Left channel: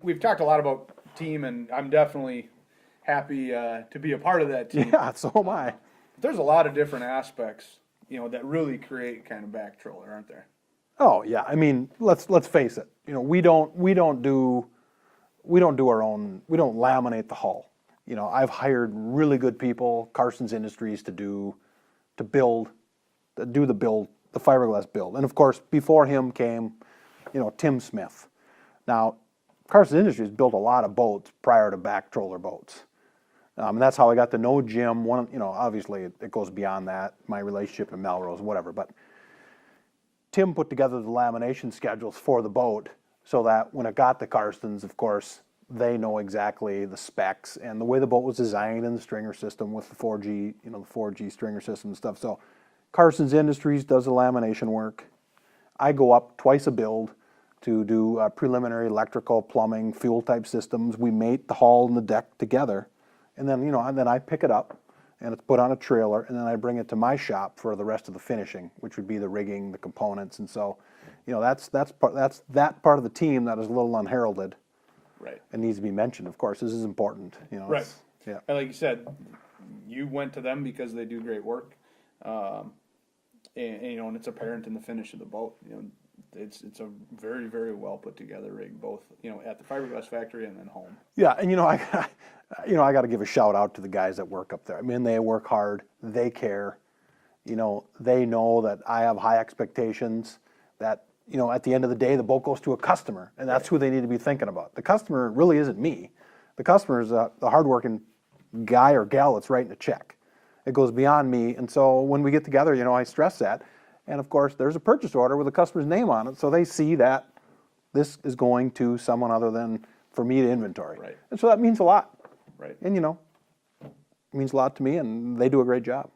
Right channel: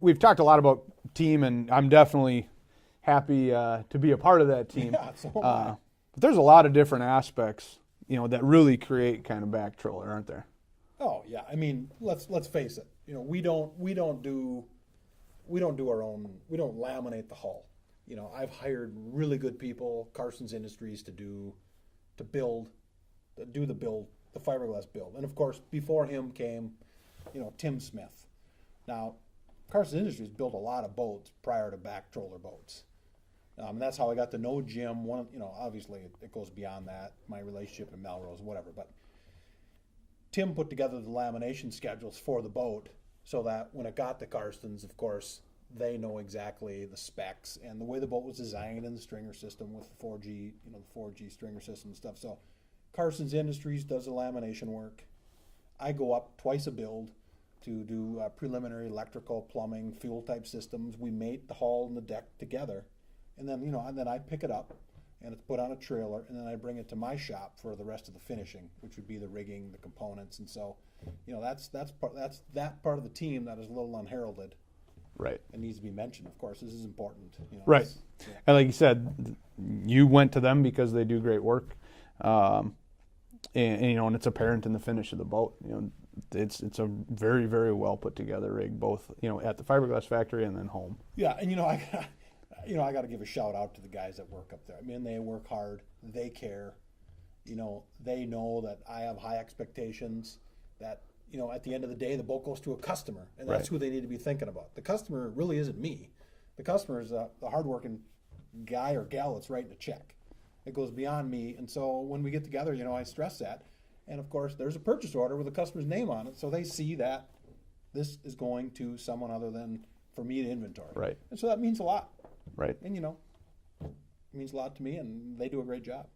We've talked a lot about team, and I'm definitely happy to be a part of that team. Yeah, so am I. But there's a lot of different aspects, that really create kind of back trailer, aren't there? Oh yeah, I mean, let's face it. We don't do our own. We don't laminate the hull. I've hired really good people, Carson's Industries, to do the build, the fiberglass build. And of course, before him came, Tim Smith. Now, Carson's Industries built a lot of boats prior to back troller boats. And that's how I got to know Jim. Obviously it goes beyond that, my relationship in Melrose, whatever. But Tim put together the lamination schedules for the boat so that when it got to Carson's, of course, they know exactly the specs and the way the boat was designed and the stringer system with the 4G, the 4G stringer system and stuff. So Carson's Industries does the lamination work. I go up twice a build to do preliminary electrical, plumbing, fuel type systems. We mate the hull and the deck together. And then, then I pick it up and it's put on a trailer, and then I bring it to my shop for the rest of the finishing, which would be the rigging, the components. And so, that's that part of the team that is a little unheralded. Right. It needs to be mentioned, of course. This is important. Right. Yeah. And like you said, you went to them because they do great work. And it's apparent in the finish of the boat. It's a very, very well put together rig, both at the fiberglass factory and then home. Yeah, and I got to give a shout out to the guys that work up there. I mean, they work hard, they care. They know that I have high expectations. That at the end of the day, the boat goes to a customer, and that's who they need to be thinking about. The customer really isn't me. The customer is the hardworking guy or gal that's writing a check. It goes beyond me, and so when we get together, I stress that. And of course, there's a purchase order with the customer's name on it, so they see that this is going to someone other than for me to inventory. Right. And so that means a lot. Right. And it means a lot to me, and they do a great job.